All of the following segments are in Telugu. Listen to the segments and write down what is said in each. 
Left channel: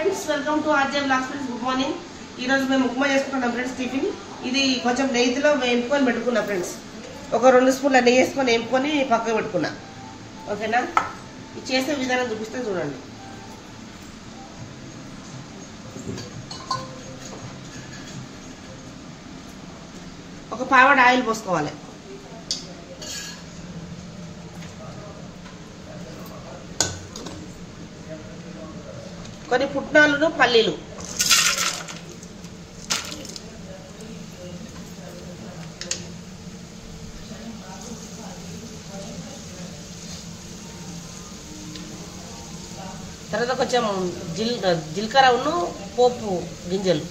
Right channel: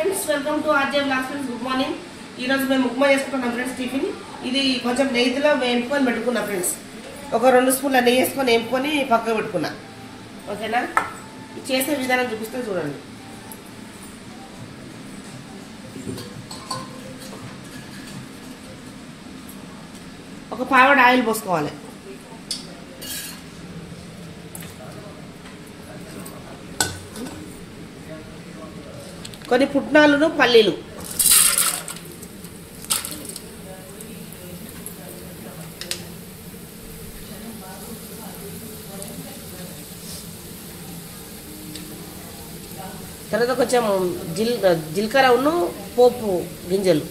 friends welcome to RJ blogs friends good morning ఈ రోజు మేము ఉప్మా చేసుకుంటున్నాం ఫ్రెండ్స్ టిఫిన్ ఇది కొంచెం నెయ్యిలో వేపుకొని పెట్టుకున్నా ఫ్రెండ్స్ ఒక 2 స్పూన్ల నెయ్యి వేసుకొని వేపుకొని పక్కకు పెట్టుకున్నా ఓకేనా చేసే విధానం చూపిస్తే చూడండి ఒక పావడ ఆయిల్ పోసుకోవాలి కొన్ని పుట్నాలను పల్లీలు తర్వాత కొంచెం జీలకర్ర ఉన్ను పోపు గింజలు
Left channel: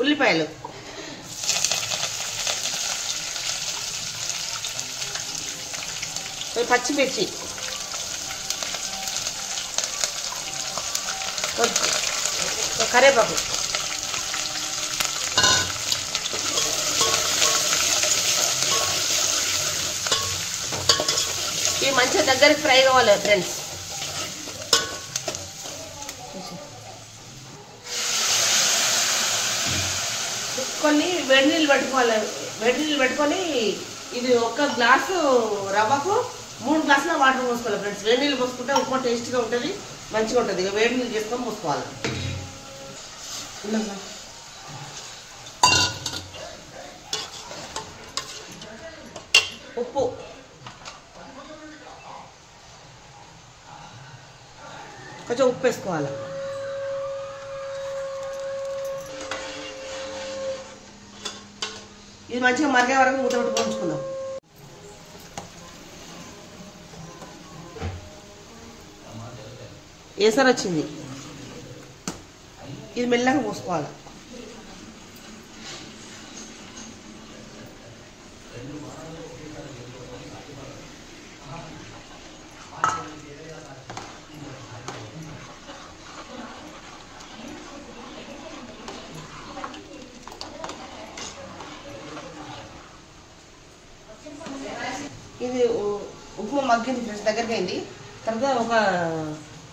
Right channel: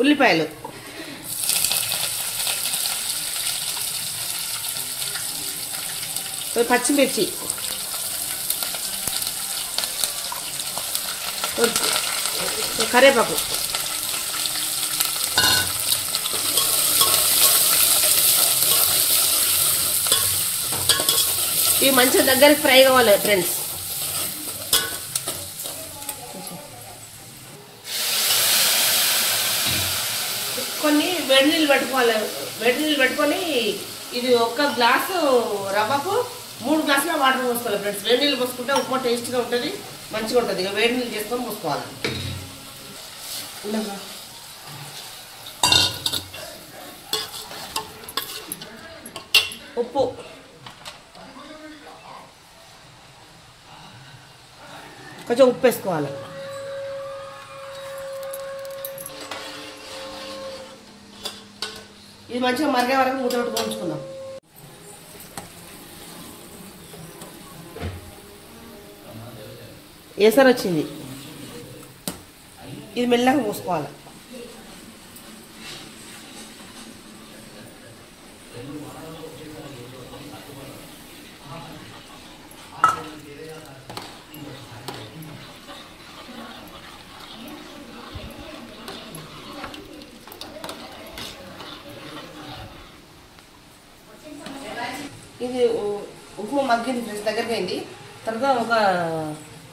ఉల్లిపాయలు పచ్చిమిర్చి కరివేపాకు ఇవి మంచిగా దగ్గరికి ఫ్రై కావాలి ఫ్రెండ్స్ కొన్ని వేడి నీళ్ళు పెట్టుకోవాలి వేడి నీళ్ళు పెట్టుకొని ఇది ఒక గ్లాసు రవ్వకు 3 గ్లాసుల వాటర్ పోసుకోవాలి ఫ్రెండ్స్ వేడి నీళ్ళు పోసుకుంటే ఉప్మా టేస్ట్గా ఉంటుంది మంచిగా ఉంటుంది ఇక వేడి నీళ్ళు చేసుకొని పోసుకోవాలి ఉప్పు కొంచెం ఉప్పు వేసుకోవాలి ఇది మంచిగా మరిగే వరకు మూత పెట్టుకొని ఉంచుకుందాం ఏసర్ వచ్చింది ఇది మెల్లగా పోసుకోవాలి ఇది ఉప్మా మగ్గింది ఫ్రెండ్స్ దగ్గరికి అయింది తర్వాత ఒక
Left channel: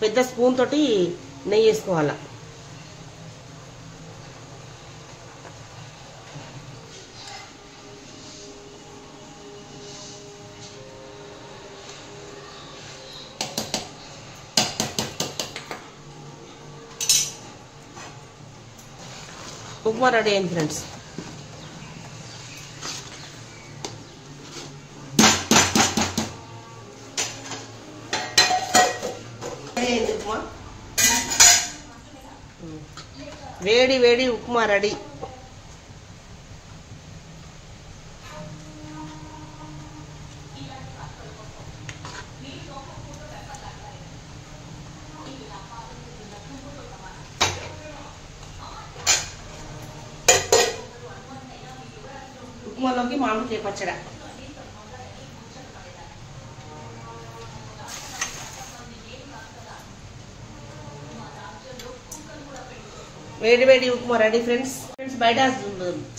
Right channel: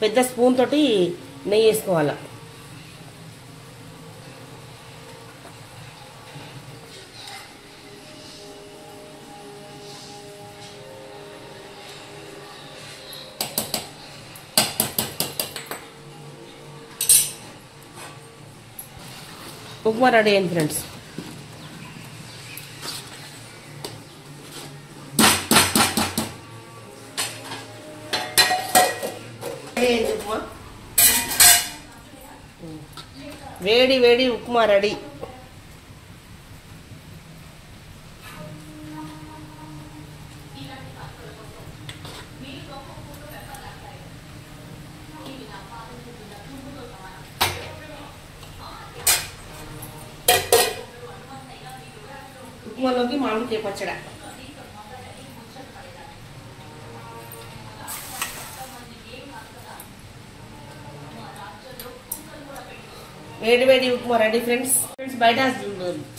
పెద్ద స్పూన్ తోటి నెయ్యి వేసుకోవాలి ఉప్మా రెడీ అయింది ఫ్రెండ్స్ వేడి వేడి ఉప్మా రెడీ ఉప్మాలోకి మామిడికాయ పచ్చడి వేడి వేడి ఉప్మా రెడీ ఫ్రెండ్స్ బయట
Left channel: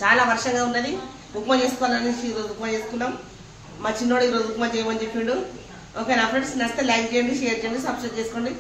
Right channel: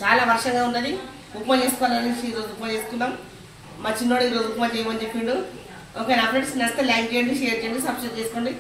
చాలా వర్షంగా ఉన్నది ఉప్మా చేసుకోవాలనేసి ఈరోజు ఉప్మా చేసుకున్నాం మా చిన్నోడు ఈరోజు ఉప్మా చేయమని చెప్పిండు ఓకే నా ఫ్రెండ్స్ నచ్చితే లైక్ చేయండి షేర్ చేయండి సబ్స్క్రైబ్ చేసుకోండి